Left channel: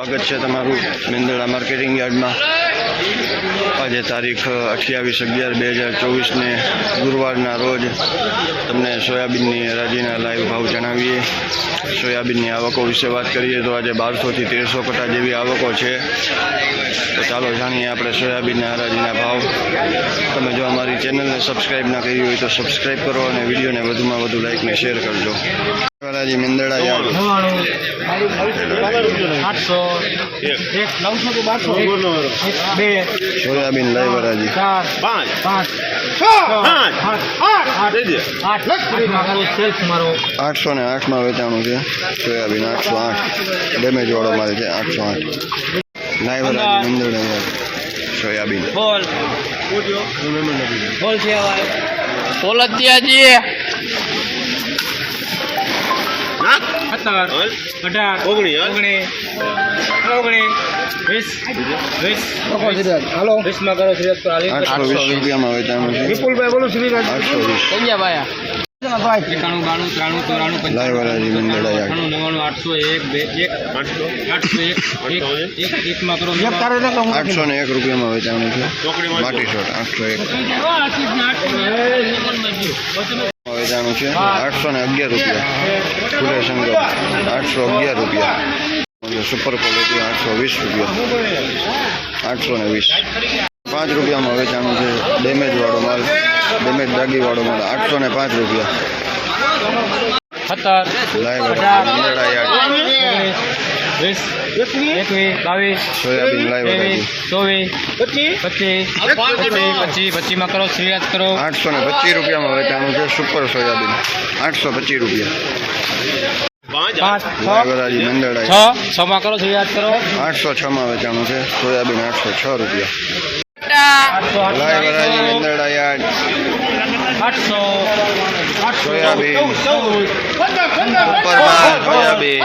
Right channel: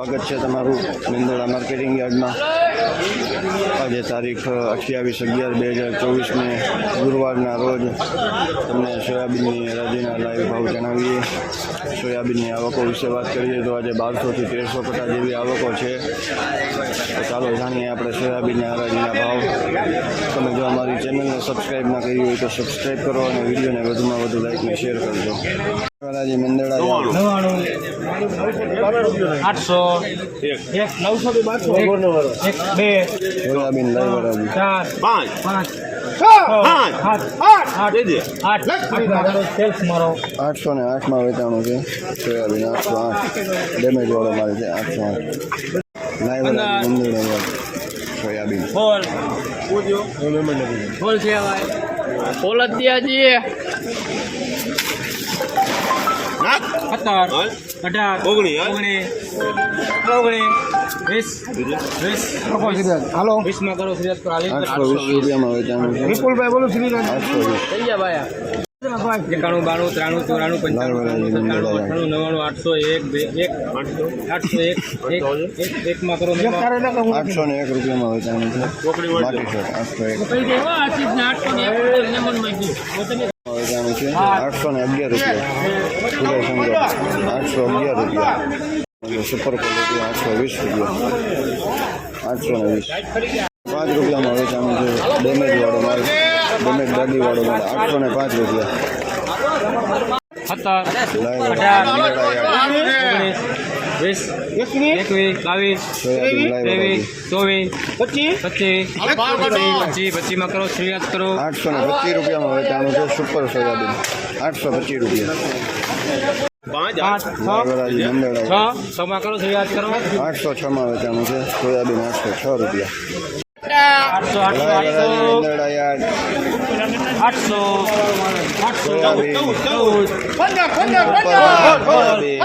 સ્વાગત છે તમારું મેંદરડા માર્કેટિંગ યાર્ડમાં. આજે તારીખ અઠ્યાવીસ અગિયાર બે હજાર ચોવીસને ગુરુવારના રોજ તમને સોયાબીનની હરાજીના લાઈવ ભાવ જણાવીએ. સોયાબીનની આવકો વિશે વાત કરીએ તો આજે બારસોથી તેરસો કટા જેવી આવકો છે. તો ચાલો જાણીએ આપણે સોયાબીનના હરાજીના ભાવ. તમે જો અમારી ચેનલને સબસ્ક્રાઈબ ના કરી હોય તો સબસ્ક્રાઈબ કરો અને વિડીયોને વધુમાં વધુ લાઈકને શેર કરજો. હરાજી મિંદડા આઠસો એક નવસો બારસો બે સોયાબીન ચાર પાંચ પાંચ મારો આઠસો ને આઠમાં વેચાણું છે. સોયાબીન આઠસો આઠ. ડેમેજ વાળો મારે છે આઠસો આઠ. લાઈવરાજી મિંદડા સોયાબીન. બોલ. બોલ છે નાખ સત્તર અઢાર ઓગણી, હા? ઓગણી ઓગણી. વીસ વીસ હાલો. વીસમાં કરો ફરિયાદ કરો આઠસો વીસ રૂપિયામાં વેચાણું છે. વિપુલભાઈ બોલો શ્રીરાજ આઠસો વીસ. એકાણું બાણું ત્રાણું ચોરાણું લાઈવ હરાજી મંદરડા નવ્વાણું આઠસો એક બે એક આઠસો? આઠસો એક એક એક એકમાં કરો આઠસો ને એક રૂપિયામાં આવે છે. માટી શોટ આઠસો એક. વેચાણું છે? આઠસો ને અગિયાર રૂપિયા. ફૂલે શંકર આઠસો અગિયાર રૂપિયા. સુપર ક્વોલિટી આઠસો વીસ રૂપિયા. આઠસો ને વીસ. પાંચ રૂપિયામાં વેચાણું છે ડેમેજ વાળો માલ. ડેમેજ દાગી વાળો માલ. આઠસો ને પાંચ રૂપિયા. સત્તર. લાઈવ યાર્ડ વીસ. એકવીસ બાવીસ સોયાબીન લાઈવ ત્રેવીસ ચોવીસ પચીસ. પચીસ પચીસ પચીસમાં કરો શ્રીયાદ કરો. આઠસો ને પચીસ રૂપિયામાં વેચાણું છે સુપર સોયાબીન. આઠસો પચીસ રૂપિયા. છમાં કરો કરો. આઠસો છમાં વેચાણું છે સોયાબીન આઠસો છ રૂપિયા. Live Mendarda yard soybean. ચૌદ સોયાબીન.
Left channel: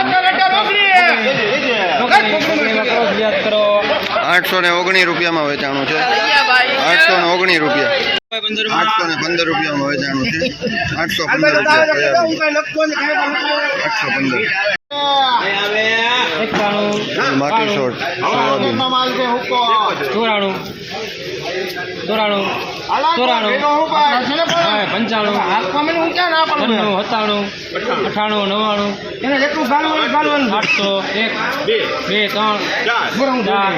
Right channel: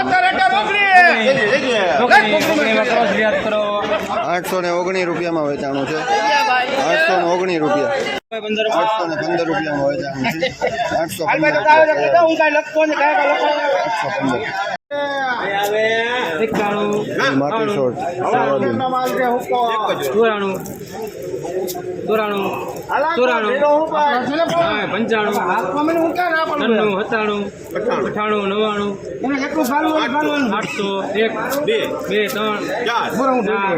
આઠસો ને ઓગણીસ રૂપિયામાં વેચાણું છે. આઠસો ને ઓગણીસ રૂપિયા. આઠસો ને પંદર રૂપિયામાં વેચાણું છે. આઠસો પંદર રૂપિયા આઠસો પંદર. એકાણું માટી શોર્ટ સોયાબીન. ચોરાણું ચોરાણું ચોરાણું. હા, પંચાણું. છન્નું સત્તાણું અઠાણું નવ્વાણું. આઠસો એક બે. ત્રણ ચાર.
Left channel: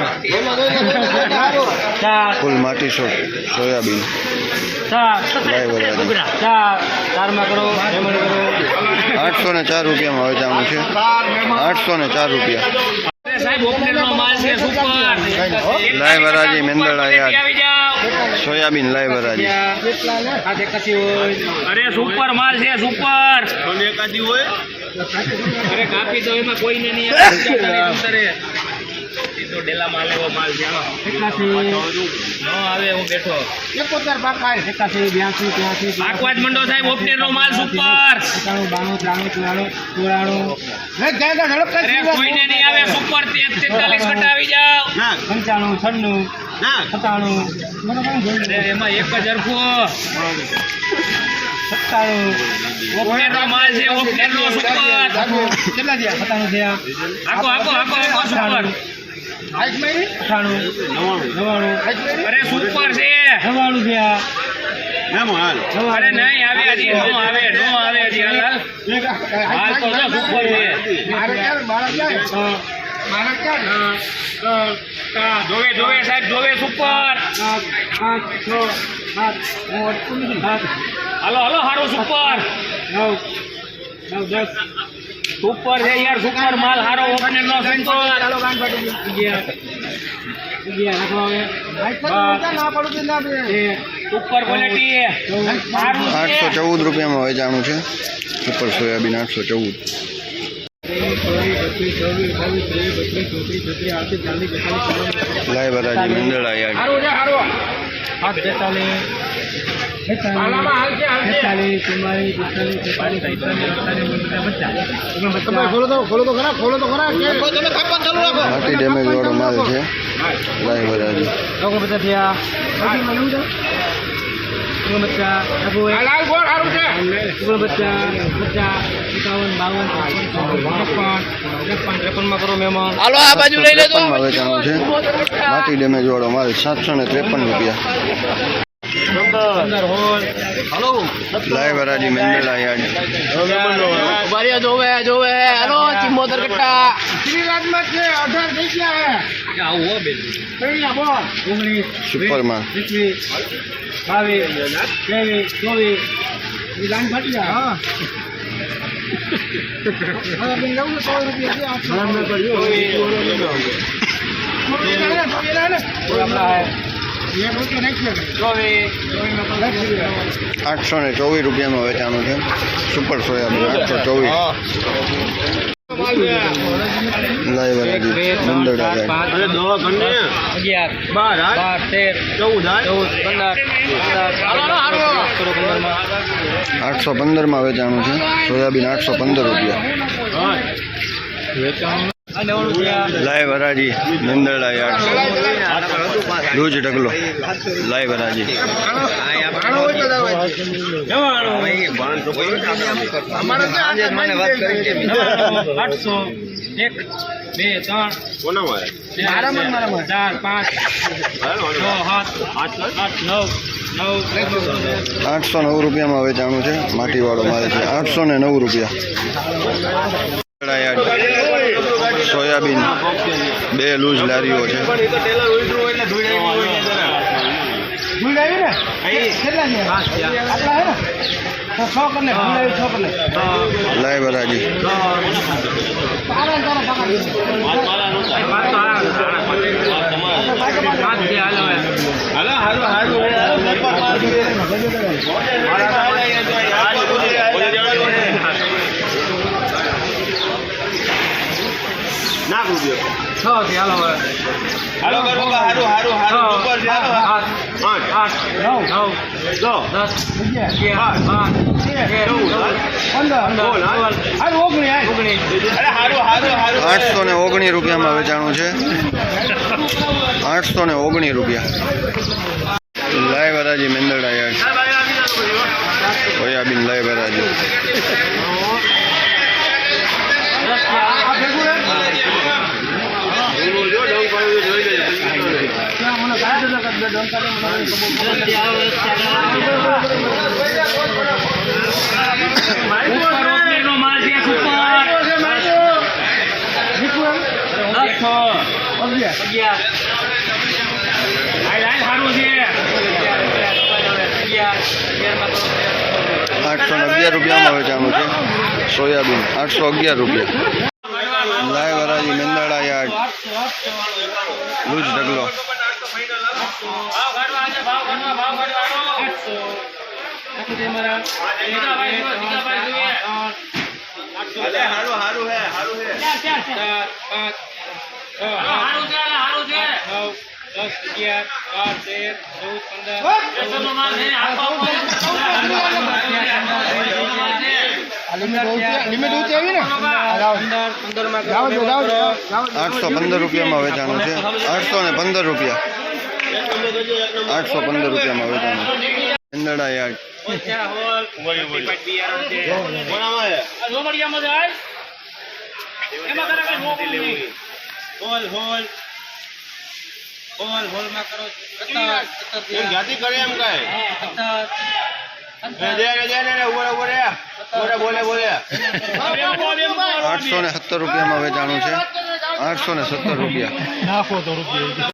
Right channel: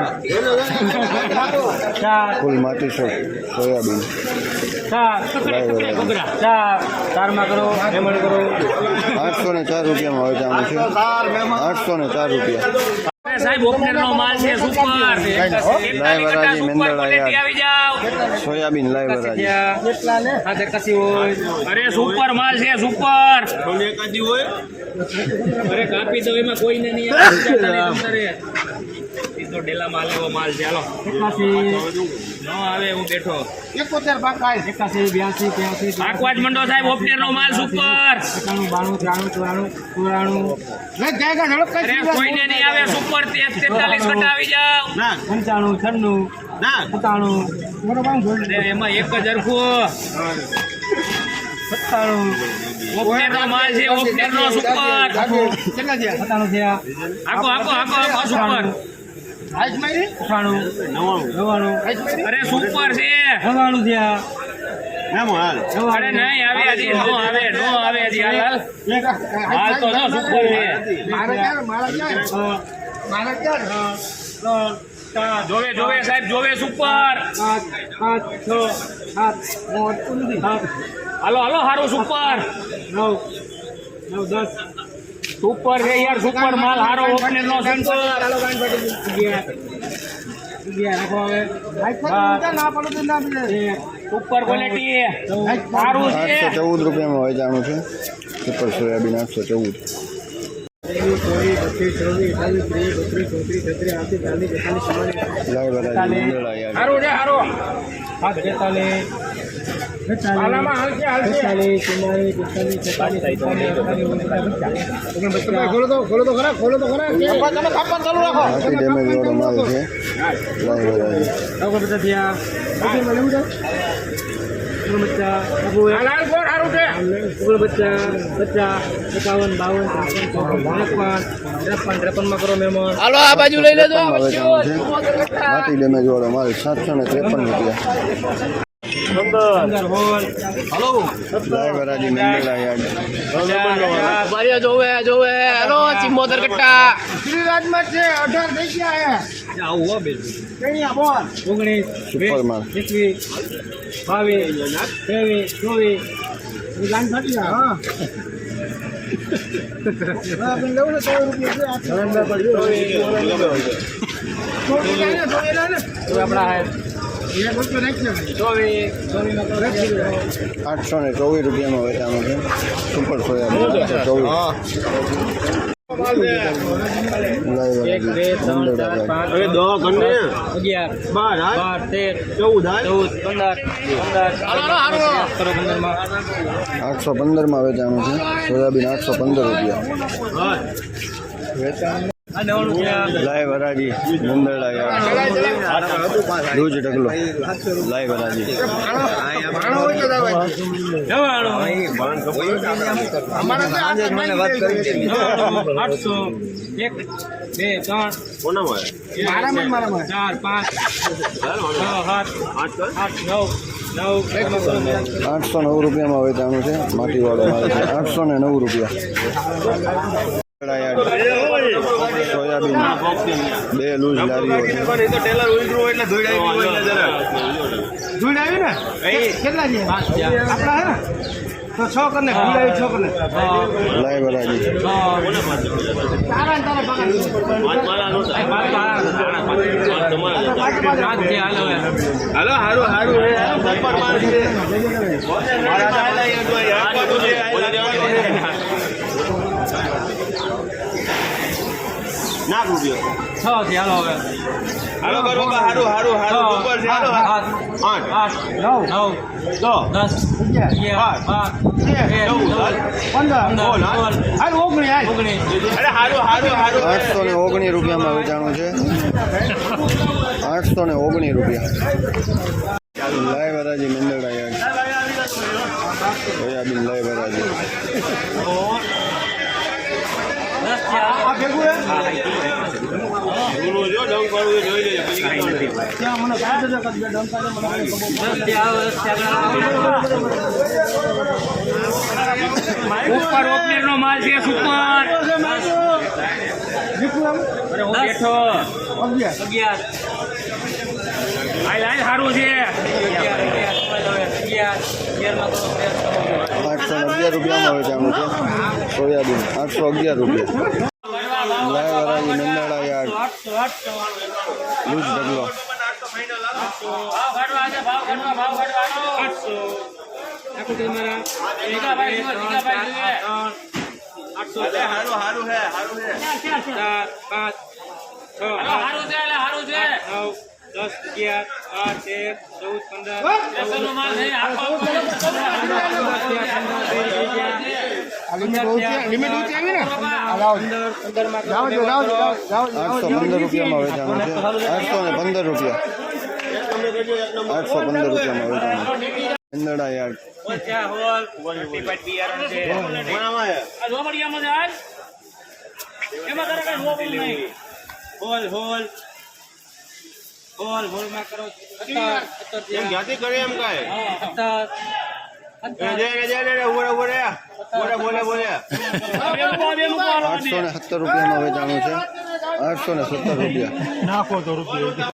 ચાર માટી સોયાબીન. ચાર ચાર ચારમાં કરો હેમંત કરો. આઠસો ને ચાર રૂપિયામાં વેચાણું છે. આઠસો ને ચાર રૂપિયા. સાહેબ ઓપનરનો માલ છે સુપર લાઈવ વરાજી આવી જાવ સોયાબીન લાઈવ વરાજી. હાથે કસી હોય? અરે સુપર માલ છે સુપર. એકાદી હોય? અરે કાપી દો એમાં કોઈને નહીં તો ડેલામાં આવેલો માલ છે. હાલો. એકાસી આવે હું બેઠો. એકાસી બ્યાસી ત્યાસી પાકવા જ મંડો સાહેબ ઓપનેર નો માલ સુપર. એકાણું બાણું ત્રાણું ચોરાણું ચોરાણું. કોઈને નહીં આવે સુપર તેતાલીસ ઘટા આવી પંચાણું છન્નું સત્તાણું. અરે એમાં એક જ હરખું. સત્તાણું. માલ છે ઓપનેર નો સુપર સત્તાણું થયા. આખો આખો આખો આખો સુપર. અઠાણું. નવાણું અરે સુપર છે. થયા. મેમો હાલ. અરે નહીં આવે હજી નો આવે નો આવે હજી હાલ હાલ. હાલ તો જો સુપર છે. જોવે જોવે સાહેબ જોવે સુપર. હાલો હાલો હારો સુપર. સુપર છે યાર સુપર માલ હારો ઓપનિંગ નો સુપર સુપર ક્વોલિટી સારું આઠસો છે ચૌદ રૂપિયામાં વેચાણું છે સુપર સોયાબીન આઠસો ચૌદ લાય હરાજી મંદરડા યાર સારું છે સારું હાથ બેતાલીસ છેતાલીસ ખોલો તો ખોલો તો ખરા ખોલો તો ખરા માટી ડેમેજ વાળો માલ છે. લાઈવ બાવન ત્રેપન ત્રેપન ત્રેપનમાં કરો મહેમાન હાલો આ ડેમેજ વાળો માલ સાતસો ને ત્રેપન રૂપિયા. લાઈવ હરાજી મેંદરડા યાર્ડ બારિયા જોવે જોવે હાલો ચિમ્બોતર કટ્ટા શ્રીરાજમાં છે અઢાર ગયા હે. આવું હો બેન ઓગણીસ સુપર એકવીસ બાવીસ ત્રેવીસ ચોવીસ લાઈન ફાટી જાય હા આઠસો ને ચોવીસ રૂપિયામાં વેચાણું છે. સુપર સોયાબીન આઠસો ચોવીસ. લાઈવ અગિયાર બાર બાર તેર ચૌદ ચૌદ પંદર આઠસો પંદરમાં વેચાણું છે. સોયાબીન આઠસો પંદર રૂપિયા. લાઈવ હરાજી, નિંદરડા યાર્ડ રોજ ઢગલો. લાઈવ હરાજી. એક નવ આઠસો નવ રૂપિયામાં વેચાણું છે. માટીવાળો મારે છે. આઠસો ને નવ રૂપિયા. સોયાબીન બે લૂઝ લારીઓ છે? લાઈ ઉલટું હોય એટલે ધૂળ આવી હોય લાઈવ હરાજી હાલો હારું હારું હે સરપંચ માલ છે મારા હાલ આયા તો યાર તો દૂધ આયા ના કૂદ્યો છ થી હાલો હાલો કરો હારું હારું હારું ઉપર છે હાલો આઠ આઠ આઠ નવ. નવ દસ અગિયાર. બાર તેર બોલ હા. ઓગણીસ ઓગણીસ. અરે હારું હારું હારું. આઠસો ને ઓગણીસ રૂપિયામાં વેચાણું છે. આઠસો ને ઓગણીસ રૂપિયા. લાય હરાજી મેંદડા યાર. સોયાબીન લાઈવ હરાજી દસથી હાલો. ઉપર ઓપનર નો માલ છે છે આઠસો અગિયાર રૂપિયામાં વેચાણું છે. સોયાબીન, આઠસો અગિયાર રૂપિયા. લાય મેંદરડા યાર્ડ લૂજ ઢગલો. આઠસો આખું છે હારું હારું હે હારું હે ચાર, પાંચ, છ, આઠ, નવ, દસ, અગિયાર, બાર, તેર, ચૌદ, પંદર, આઠસો પંદર રૂપિયામાં વેચાણું છે આઠસો ને? પંદર રૂપિયા આઠસો પંદર રૂપિયામાં વેચાણું ચંદડા યાર્ડ હોલ. હોલ હોલ હોલ, હોલમાં કરો. એમ થયા. કરે એમ કાય હા, આઠસો ને સત્તર રૂપિયામાં વેચાણું છે. આઠસો ને સત્તર રૂપિયા.